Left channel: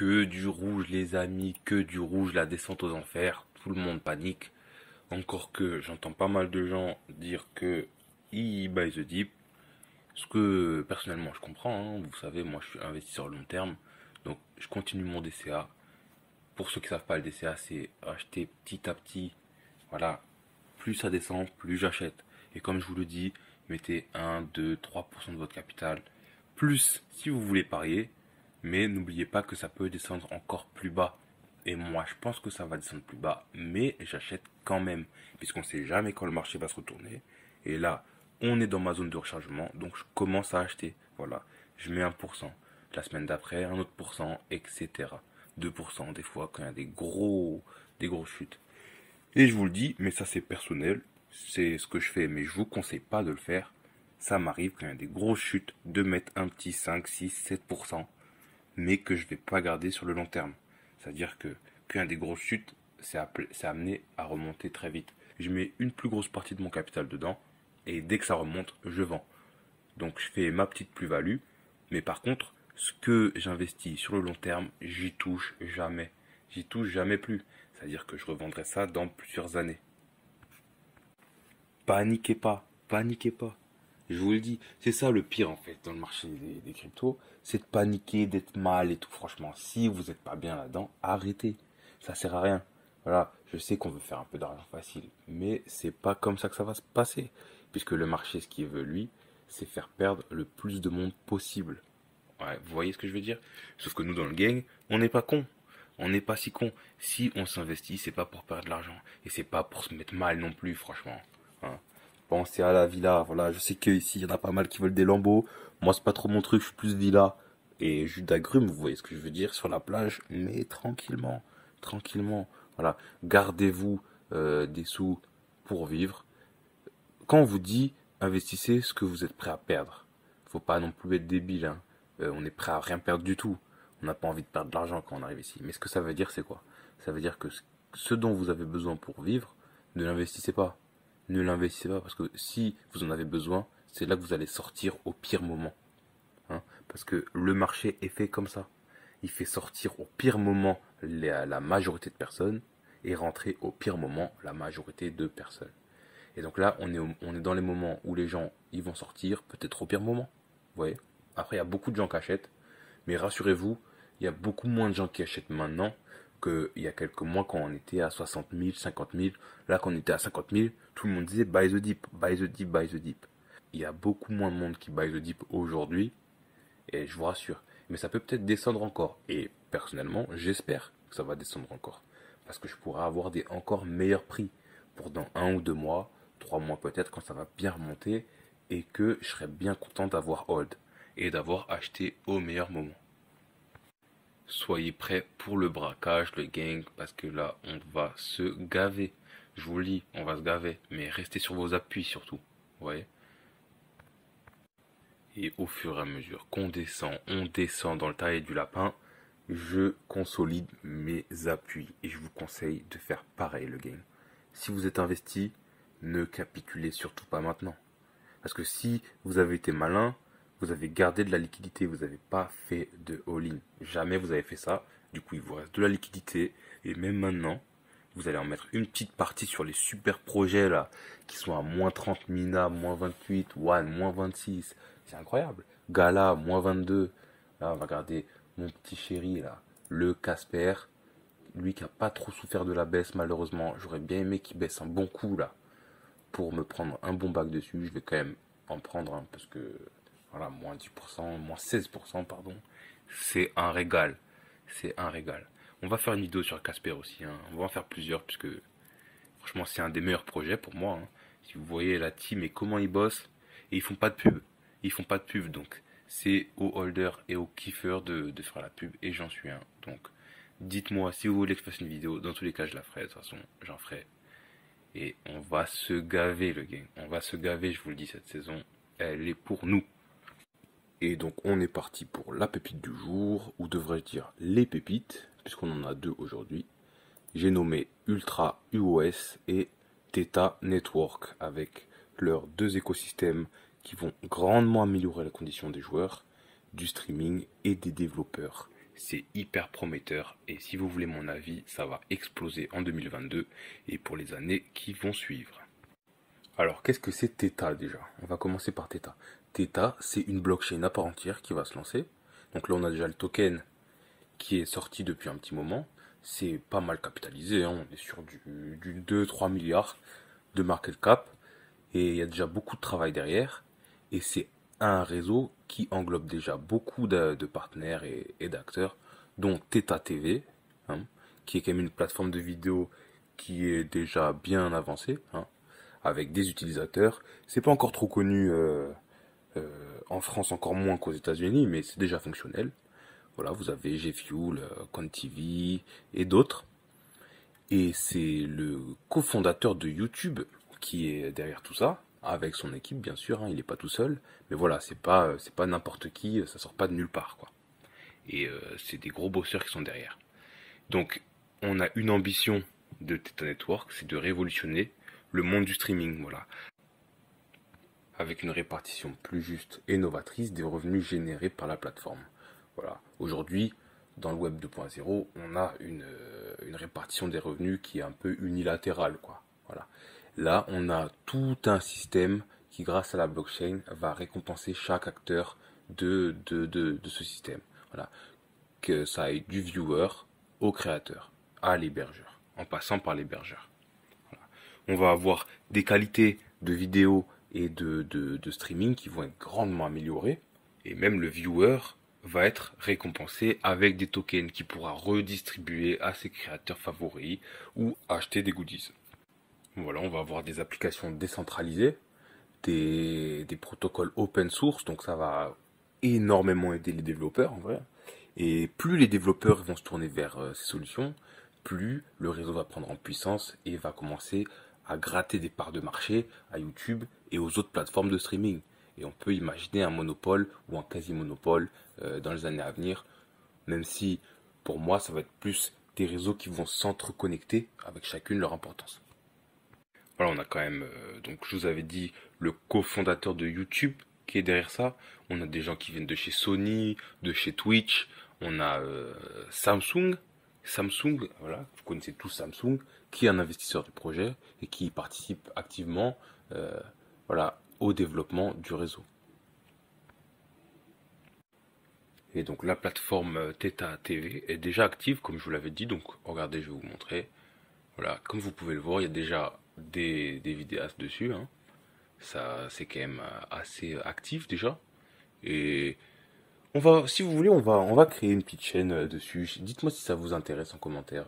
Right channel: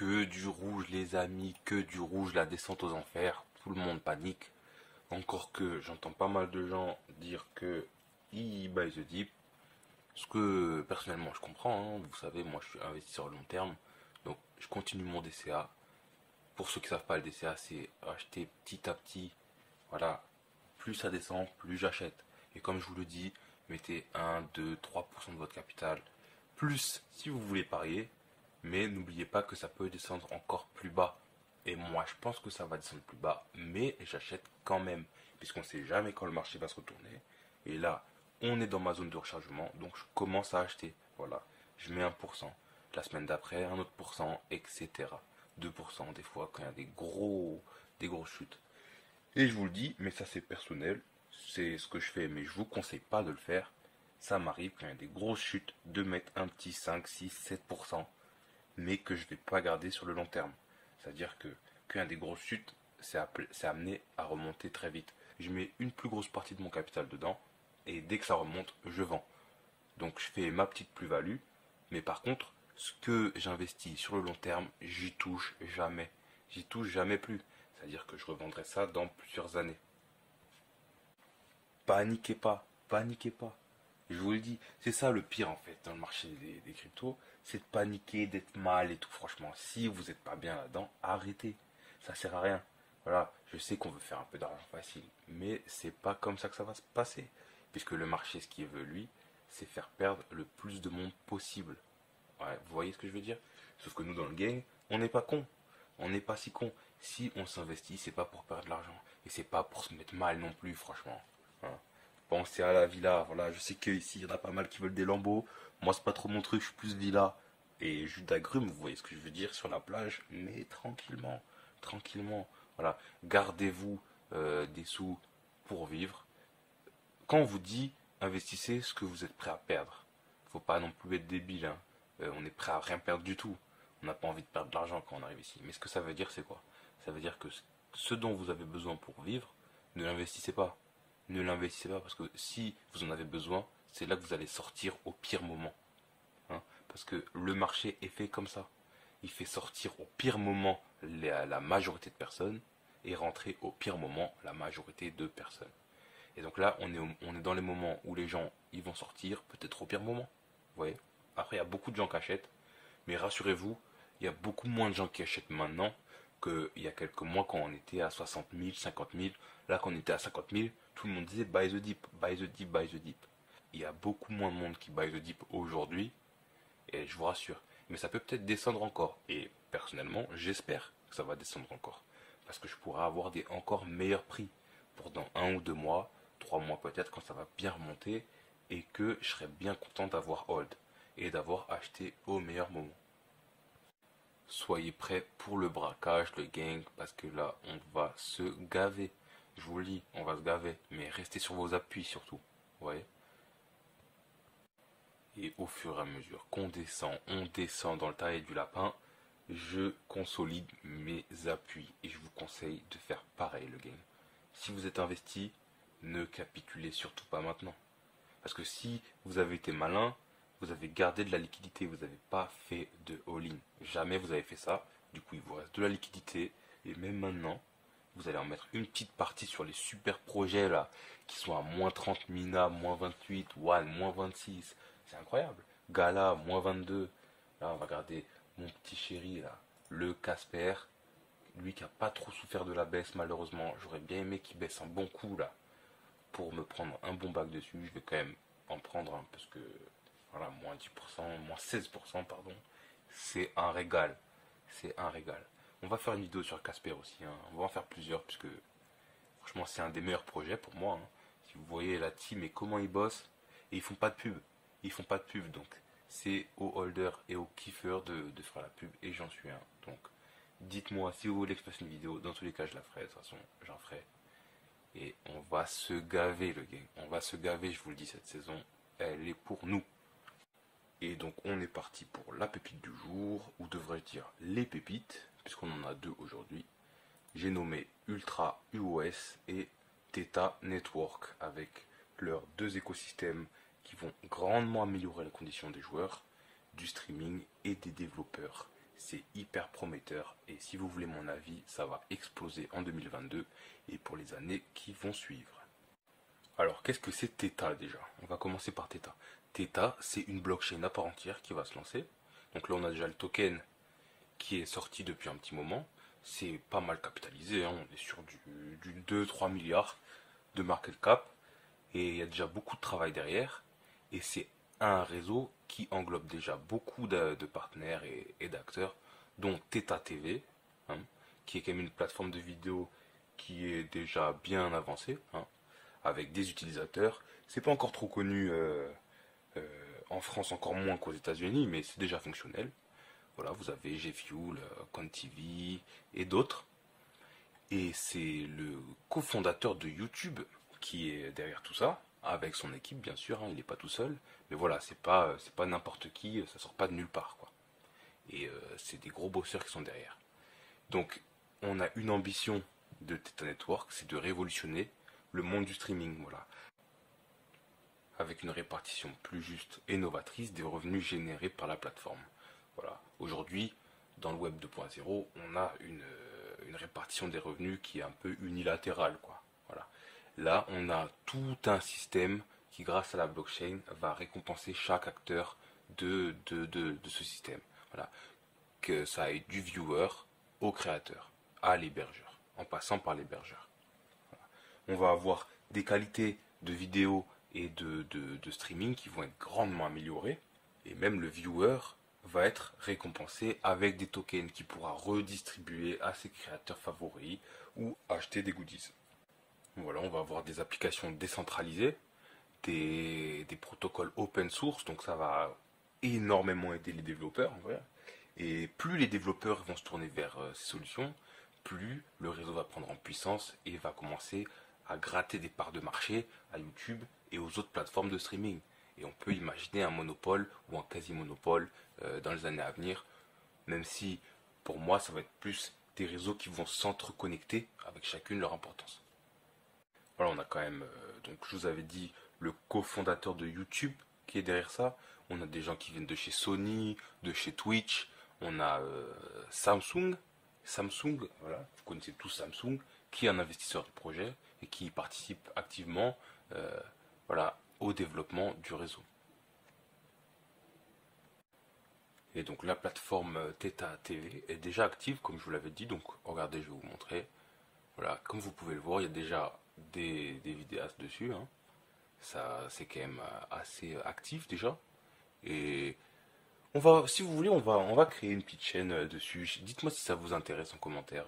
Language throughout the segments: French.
Que du rouge, les amis, que du rouge, la descente aux enfers. Tout le monde panique. Encore que j'entends pas mal de gens dire que ils buy the dip. Ce que personnellement je comprends, hein. Vous savez, moi je suis investisseur long terme. Donc je continue mon DCA. Pour ceux qui savent pas, le DCA, c'est acheter petit à petit. Voilà. Plus ça descend, plus j'achète. Et comme je vous le dis, mettez 1, 2, 3% de votre capital. Plus si vous voulez parier. Mais n'oubliez pas que ça peut descendre encore plus bas. Et moi, je pense que ça va descendre plus bas. Mais j'achète quand même. Puisqu'on ne sait jamais quand le marché va se retourner. Et là, on est dans ma zone de rechargement. Donc je commence à acheter. Voilà. Je mets 1%. La semaine d'après, un autre pourcent, etc. 2% des fois quand il y a des grosses chutes. Et je vous le dis, mais ça c'est personnel. C'est ce que je fais. Mais je vous conseille pas de le faire. Ça m'arrive quand il y a des grosses chutes de mettre un petit 5, 6, 7%, mais que je ne vais pas garder sur le long terme. C'est-à-dire que quand il y a des grosses chutes, c'est amené à remonter très vite. Je mets une plus grosse partie de mon capital dedans, et dès que ça remonte, je vends. Donc je fais ma petite plus-value, mais par contre, ce que j'investis sur le long terme, j'y touche jamais. J'y touche jamais plus. C'est-à-dire que je revendrai ça dans plusieurs années. Paniquez pas, paniquez pas. Je vous le dis, c'est ça le pire en fait dans le marché des cryptos, c'est de paniquer, d'être mal et tout. Franchement, si vous n'êtes pas bien là-dedans, arrêtez. Ça sert à rien. Voilà, je sais qu'on veut faire un peu d'argent facile, mais c'est pas comme ça que ça va se passer. Puisque le marché, ce qu'il veut lui, c'est faire perdre le plus de monde possible. Ouais, vous voyez ce que je veux dire? Sauf que nous dans le gang, on n'est pas con. On n'est pas si con. Si on s'investit, c'est pas pour perdre de l'argent. Et c'est pas pour se mettre mal non plus, franchement. Voilà. Pensez à la villa. Voilà, je sais qu'ici, il y en a pas mal qui veulent des lambeaux. Moi, c'est pas trop mon truc, je suis plus villa. Et jus d'agrumes, vous voyez ce que je veux dire, sur la plage, mais tranquillement. Tranquillement. Voilà. Gardez-vous des sous pour vivre. Quand on vous dit investissez ce que vous êtes prêt à perdre, faut pas non plus être débile, hein. On est prêt à rien perdre du tout. On n'a pas envie de perdre de l'argent quand on arrive ici. Mais ce que ça veut dire, c'est quoi? Ça veut dire que ce dont vous avez besoin pour vivre, ne l'investissez pas. Ne l'investissez pas parce que si vous en avez besoin, c'est là que vous allez sortir au pire moment, hein. Parce que le marché est fait comme ça. Il fait sortir au pire moment la majorité de personnes et rentrer au pire moment la majorité de personnes. Et donc là, on est dans les moments où les gens ils vont sortir, peut-être au pire moment. Vous voyez. Après, il y a beaucoup de gens qui achètent, mais rassurez-vous, il y a beaucoup moins de gens qui achètent maintenant qu'il y a quelques mois quand on était à 60 000, 50 000. Là, quand on était à 50 000, tout le monde disait buy the dip, buy the dip, buy the dip. Il y a beaucoup moins de monde qui buy the dip aujourd'hui, et je vous rassure. Mais ça peut peut-être descendre encore. Et personnellement, j'espère que ça va descendre encore. Parce que je pourrais avoir des encore meilleurs prix pour dans 1 ou 2 mois, 3 mois peut-être, quand ça va bien remonter, et que je serais bien content d'avoir hold et d'avoir acheté au meilleur moment. Soyez prêts pour le braquage, le gang, parce que là, on va se gaver. Je vous le dis, on va se gaver. Mais restez sur vos appuis surtout. Vous voyez. Et au fur et à mesure qu'on descend, on descend dans le taille du lapin, je consolide mes appuis. Et je vous conseille de faire pareil, le gang. Si vous êtes investi, ne capitulez surtout pas maintenant. Parce que si vous avez été malin, vous avez gardé de la liquidité, vous n'avez pas fait de all-in. Jamais vous avez fait ça. Du coup, il vous reste de la liquidité. Et même maintenant, vous allez en mettre une petite partie sur les super projets là, qui sont à moins 30 Mina, moins 28, One, moins 26. C'est incroyable. Gala, moins 22. Là, on va regarder mon petit chéri là, le Casper. Lui qui a pas trop souffert de la baisse, malheureusement. J'aurais bien aimé qu'il baisse un bon coup là, pour me prendre un bon bac dessus. Je vais quand même en prendre un, parce que voilà, moins 10%, moins 16%, pardon. C'est un régal. C'est un régal. On va faire une vidéo sur Casper aussi, hein. On va en faire plusieurs, puisque franchement, c'est un des meilleurs projets pour moi, hein. Si vous voyez la team et comment ils bossent, et ils font pas de pub. Ils font pas de pub, donc c'est aux holders et aux kiffers de faire la pub, et j'en suis un. Donc, dites-moi si vous voulez que je fasse une vidéo. Dans tous les cas, je la ferai. De toute façon, j'en ferai. Et on va se gaver, le game. On va se gaver, je vous le dis, cette saison, elle est pour nous. Et donc, on est parti pour la pépite du jour, ou devrais-je dire les pépites, puisqu'on en a deux aujourd'hui. J'ai nommé Ultra UOS et Theta Network, avec leurs deux écosystèmes qui vont grandement améliorer la condition des joueurs, du streaming et des développeurs. c'est hyper prometteur et si vous voulez mon avis, ça va exploser en 2022 et pour les années qui vont suivre. Alors, qu'est-ce que c'est Theta déjà? On va commencer par Theta. Theta, c'est une blockchain à part entière qui va se lancer. Donc là, on a déjà le token qui est sorti depuis un petit moment. C'est pas mal capitalisé, hein. On est sur du 2-3 milliards de market cap. Et il y a déjà beaucoup de travail derrière. Et c'est un réseau qui englobe déjà beaucoup de partenaires et d'acteurs, dont Theta TV, hein, qui est quand même une plateforme de vidéo qui est déjà bien avancée, hein, avec des utilisateurs. C'est pas encore trop connu en France, encore moins qu'aux États-Unis, mais c'est déjà fonctionnel. Voilà, vous avez GFuel, QuantTV et d'autres. Et c'est le cofondateur de YouTube qui est derrière tout ça, avec son équipe bien sûr, hein, il n'est pas tout seul. Mais voilà, c'est pas n'importe qui, ça sort pas de nulle part, quoi. Et c'est des gros bosseurs qui sont derrière. Donc, on a une ambition de Theta Network, c'est de révolutionner le monde du streaming, voilà, avec une répartition plus juste et novatrice des revenus générés par la plateforme. Voilà. Aujourd'hui, dans le web 2.0, on a une répartition des revenus qui est un peu unilatérale, quoi. Voilà. Là, on a tout un système qui, grâce à la blockchain, va récompenser chaque acteur de ce système. Voilà. Que ça aille du viewer au créateur, à l'hébergeur, en passant par l'hébergeur. Voilà. On va avoir des qualités de vidéo et de streaming qui vont être grandement améliorées. Et même le viewer va être récompensé avec des tokens qu'il pourra redistribuer à ses créateurs favoris ou acheter des goodies. Voilà, on va avoir des applications décentralisées, des protocoles open source, donc ça va énormément aider les développeurs en vrai. Et plus les développeurs vont se tourner vers ces solutions, plus le réseau va prendre en puissance et va commencer à gratter des parts de marché à YouTube et aux autres plateformes de streaming. Et on peut imaginer un monopole ou un quasi-monopole dans les années à venir, même si pour moi ça va être plus des réseaux qui vont s'entreconnecter avec chacune leur importance. Voilà, on a quand même, donc je vous avais dit, le cofondateur de YouTube qui est derrière ça. On a des gens qui viennent de chez Sony, de chez Twitch. On a Samsung, voilà, vous connaissez tous Samsung, qui est un investisseur du projet et qui participe activement, euh, voilà, au développement du réseau. Et donc la plateforme Theta TV est déjà active, comme je vous l'avais dit. Donc regardez, je vais vous montrer. Voilà, comme vous pouvez le voir, il y a déjà des vidéastes dessus, hein. Ça, c'est quand même assez actif déjà. Et si vous voulez, on va créer une petite chaîne dessus. Dites-moi si ça vous intéresse en commentaire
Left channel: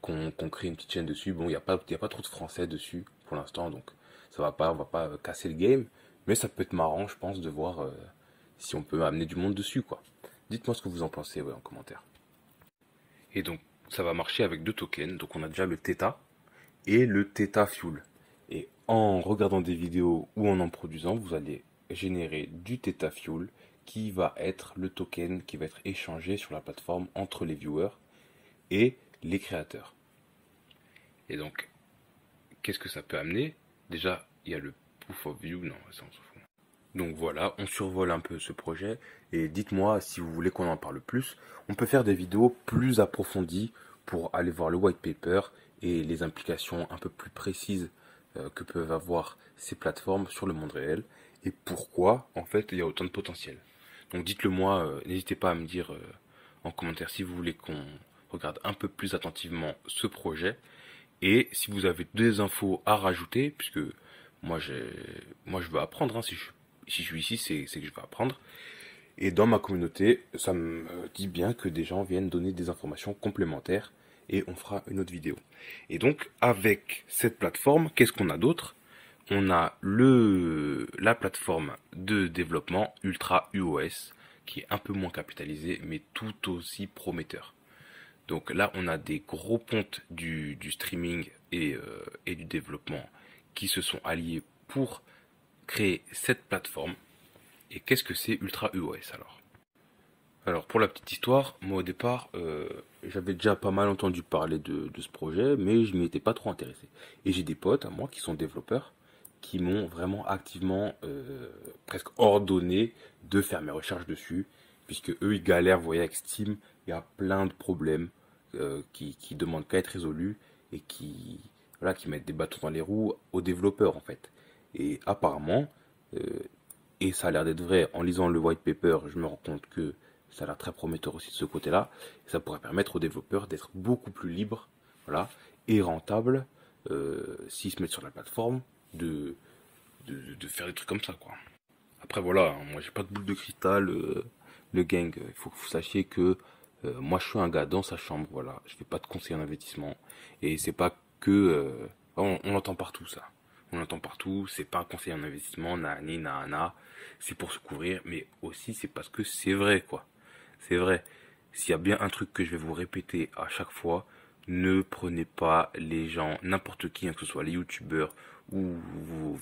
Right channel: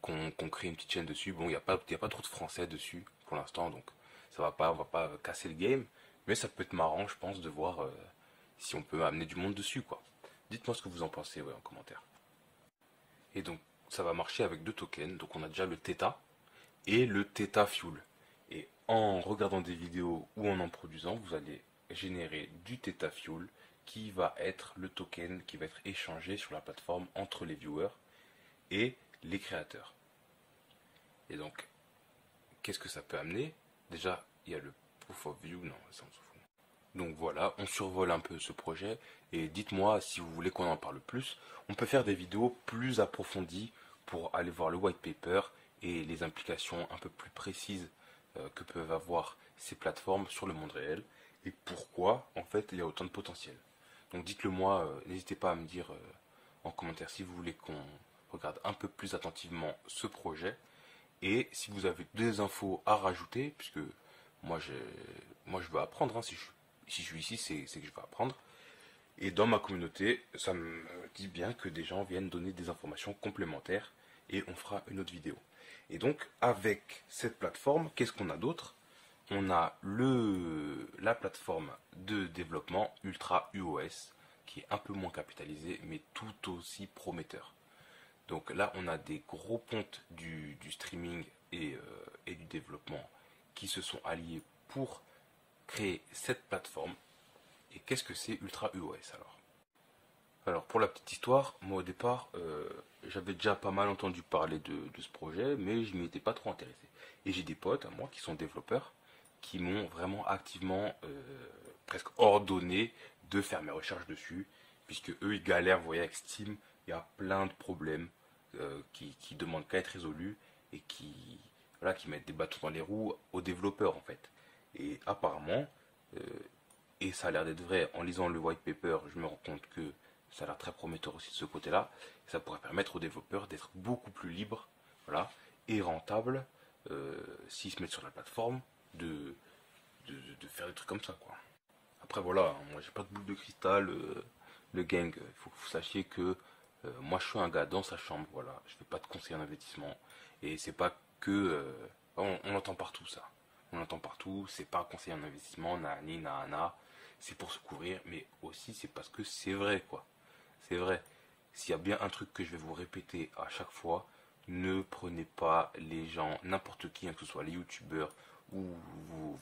qu'on crée une petite chaîne dessus. Bon, il y a pas trop de français dessus pour l'instant, donc on va pas casser le game. Mais ça peut être marrant, je pense, de voir si on peut amener du monde dessus, quoi. Dites-moi ce que vous en pensez, ouais, en commentaire. Et donc, ça va marcher avec deux tokens. Donc, on a déjà le Theta et le Theta Fuel. Et en regardant des vidéos ou en produisant, vous allez générer du Theta Fuel qui va être le token qui va être échangé sur la plateforme entre les viewers et les créateurs. Et donc, qu'est-ce que ça peut amener? Déjà, il y a le proof of view. Non, ça on s'en fout. Donc voilà, on survole un peu ce projet et dites-moi si vous voulez qu'on en parle plus. On peut faire des vidéos plus approfondies pour aller voir le white paper et les implications un peu plus précises que peuvent avoir ces plateformes sur le monde réel et pourquoi en fait il y a autant de potentiel. Donc dites-le moi, n'hésitez pas à me dire en commentaire si vous voulez qu'on regarde un peu plus attentivement ce projet et si vous avez des infos à rajouter, puisque moi, je veux apprendre, hein, si je suis ici, c'est que je veux apprendre. Et dans ma communauté, ça me dit bien que des gens viennent donner des informations complémentaires et on fera une autre vidéo. Et donc, avec cette plateforme, qu'est-ce qu'on a d'autre? On a la plateforme de développement Ultra UOS qui est un peu moins capitalisée mais tout aussi prometteur. Donc là, on a des gros pontes du streaming et du développement qui se sont alliés pour créer cette plateforme. Et qu'est-ce que c'est Ultra EOS alors? Alors pour la petite histoire, moi au départ, j'avais déjà pas mal entendu parler de ce projet, mais je m'y étais pas trop intéressé. Et j'ai des potes à moi qui sont développeurs, qui m'ont vraiment activement, presque ordonné de faire mes recherches dessus, puisque eux ils galèrent, vous voyez, avec Steam, il y a plein de problèmes qui demandent qu'à être résolus et voilà, qui mettent des bâtons dans les roues aux développeurs en fait. Et apparemment, euh, et ça a l'air d'être vrai, en lisant le white paper, je me rends compte que ça a l'air très prometteur aussi de ce côté-là. Ça pourrait permettre aux développeurs d'être beaucoup plus libres, voilà, et rentables, s'ils se mettent sur la plateforme, de, de faire des trucs comme ça, quoi. Après, voilà, hein, moi j'ai pas de boule de cristal, le gang, il faut que vous sachiez que moi je suis un gars dans sa chambre, voilà, je fais pas de conseil en investissement, et c'est pas que, on l'entend partout ça, on l'entend partout, c'est pas un conseil en investissement, nani, nana, c'est pour se couvrir, mais aussi c'est parce que c'est vrai, quoi, c'est vrai. S'il y a bien un truc que je vais vous répéter à chaque fois, ne prenez pas les gens, n'importe qui, hein, que ce soit les youtubeurs ou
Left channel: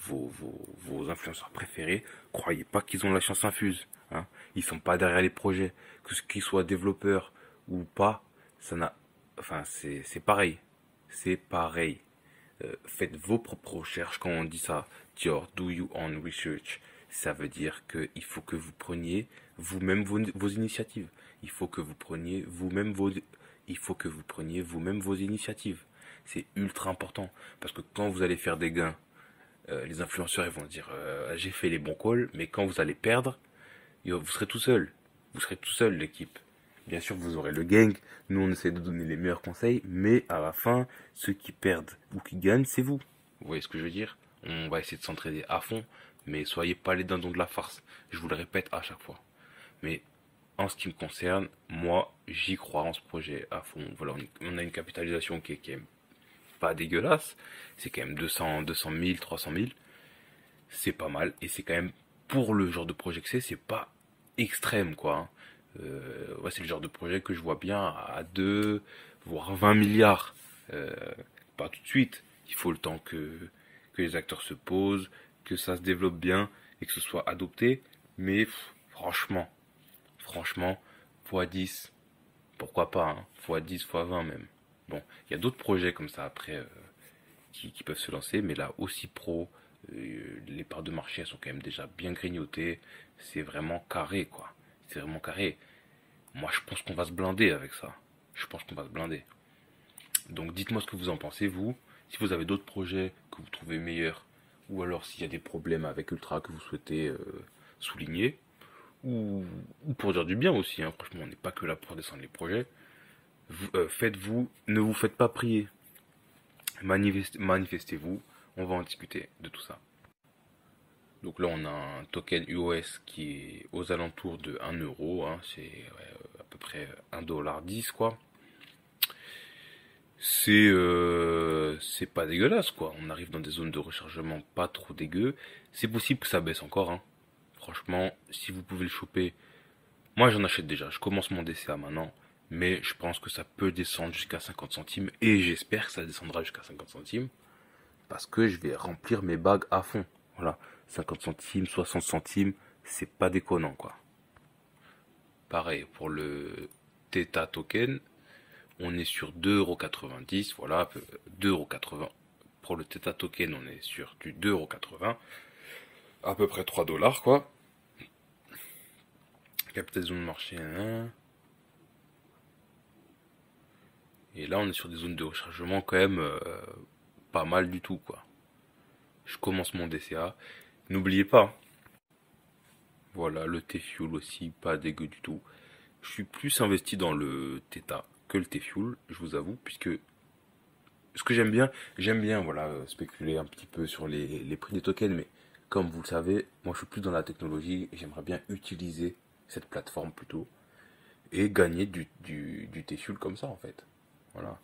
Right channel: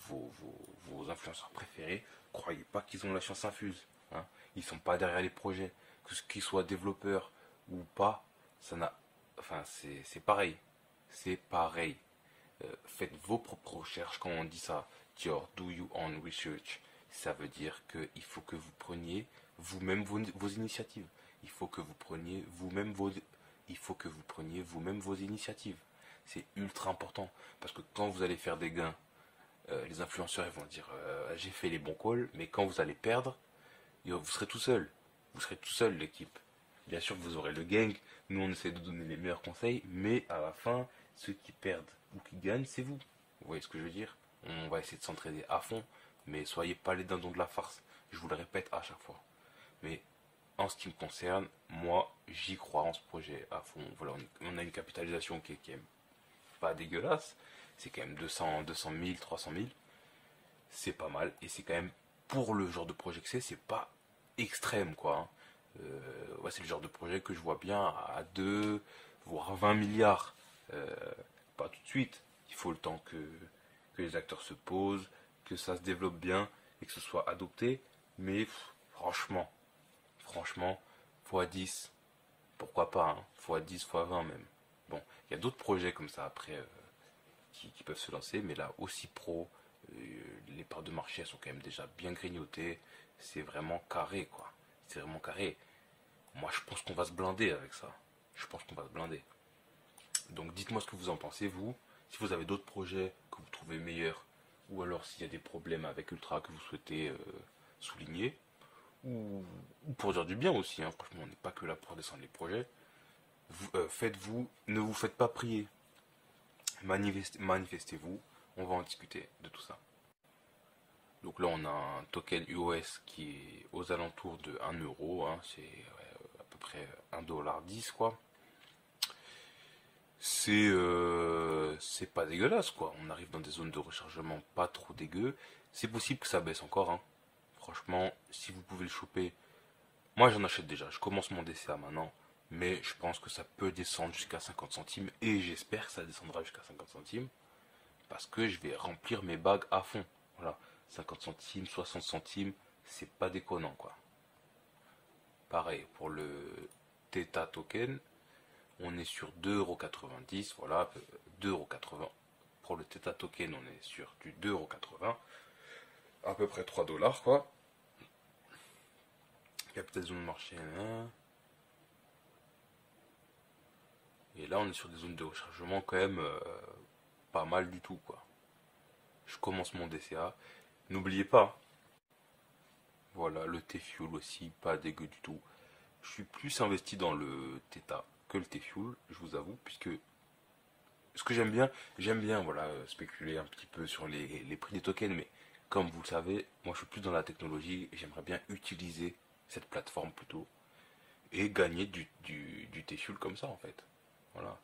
vos influenceurs préférés, croyez pas qu'ils ont la chance infuse. Hein. Ils sont pas derrière les projets. Que ce qu'ils soient développeurs ou pas, ça n'a. Enfin, c'est pareil. C'est pareil. Faites vos propres recherches quand on dit ça. Your do your own research. Ça veut dire qu'il faut que vous preniez vous-même vos initiatives. Il faut que vous preniez vous-même vos initiatives. C'est ultra important parce que quand vous allez faire des gains, les influenceurs ils vont dire j'ai fait les bons calls, mais quand vous allez perdre, vous serez tout seul. Vous serez tout seul l'équipe. Bien sûr vous aurez le gang, nous on essaie de donner les meilleurs conseils, mais à la fin, ceux qui perdent ou qui gagnent, c'est vous. Vous voyez ce que je veux dire? On va essayer de s'entraider à fond, mais soyez pas les dindons de la farce. Je vous le répète à chaque fois. Mais en ce qui me concerne, moi, j'y crois en ce projet à fond. Voilà, on a une capitalisation qui est pas dégueulasse. C'est quand même 200 000, 300 000. C'est pas mal. Et c'est quand même, pour le genre de projet que c'est pas extrême, quoi. Hein. Ouais, c'est le genre de projet que je vois bien à 2, voire 20 milliards. Euh, Pas tout de suite. Il faut le temps que les acteurs se posent, que ça se développe bien et que ce soit adopté. Mais franchement, franchement, x10, pourquoi pas, hein, x10, x20 même. Bon, il y a d'autres projets comme ça après qui peuvent se lancer, mais là aussi pro, les parts de marché elles sont quand même déjà bien grignotées. C'est vraiment carré, quoi. C'est vraiment carré. Moi, je pense qu'on va se blinder avec ça. Je pense qu'on va se blinder. Donc, dites-moi ce que vous en pensez, vous. Si vous avez d'autres projets que vous trouvez meilleurs, ou alors s'il y a des problèmes avec Ultra que vous souhaitez souligner, ou pour dire du bien aussi, hein. Franchement, on n'est pas que là pour descendre les projets. Faites-vous, ne vous faites pas prier. Manifestez-vous, on va en discuter de tout ça. Donc là, on a un token UOS qui est aux alentours de 1 euro, hein, c'est ouais, à peu près 1,10 $ quoi. C'est pas dégueulasse quoi. On arrive dans des zones de rechargement pas trop dégueu. C'est possible que ça baisse encore. Hein. Franchement, si vous pouvez le choper, moi j'en achète déjà. Je commence mon DCA maintenant, mais je pense que ça peut descendre jusqu'à 50 centimes et j'espère que ça descendra jusqu'à 50 centimes parce que je vais remplir mes bagues à fond. Voilà, 50 centimes, 60 centimes, c'est pas déconnant quoi. Pareil pour le Theta token, on est sur 2,90 €, voilà, 2,80 €. Pour le Theta token, on est sur du 2,80 €, à peu près 3 dollars quoi. Capitalisation de marché 1. Et là, on est sur des zones de rechargement quand même pas mal du tout quoi. Je commence mon DCA. N'oubliez pas, voilà, le T-Fuel aussi, pas dégueu du tout. Je suis plus investi dans le Theta que le T-Fuel, je vous avoue, puisque ce que j'aime bien voilà, spéculer un petit peu sur les prix des tokens, mais comme vous le savez, moi je suis plus dans la technologie et j'aimerais bien utiliser cette plateforme plutôt et gagner du T-Fuel comme ça en fait. Voilà.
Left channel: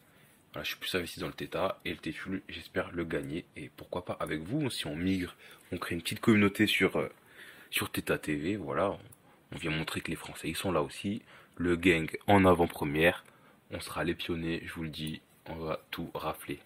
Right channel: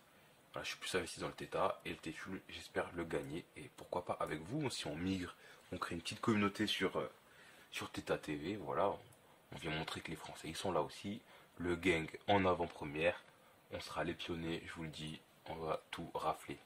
Voilà, je suis plus investi dans le Theta et le T-Fuel, j'espère le gagner et pourquoi pas avec vous, si on migre, on crée une petite communauté sur Theta TV, voilà, on vient montrer que les Français ils sont là aussi, le gang en avant-première, on sera les pionniers, je vous le dis, on va tout rafler.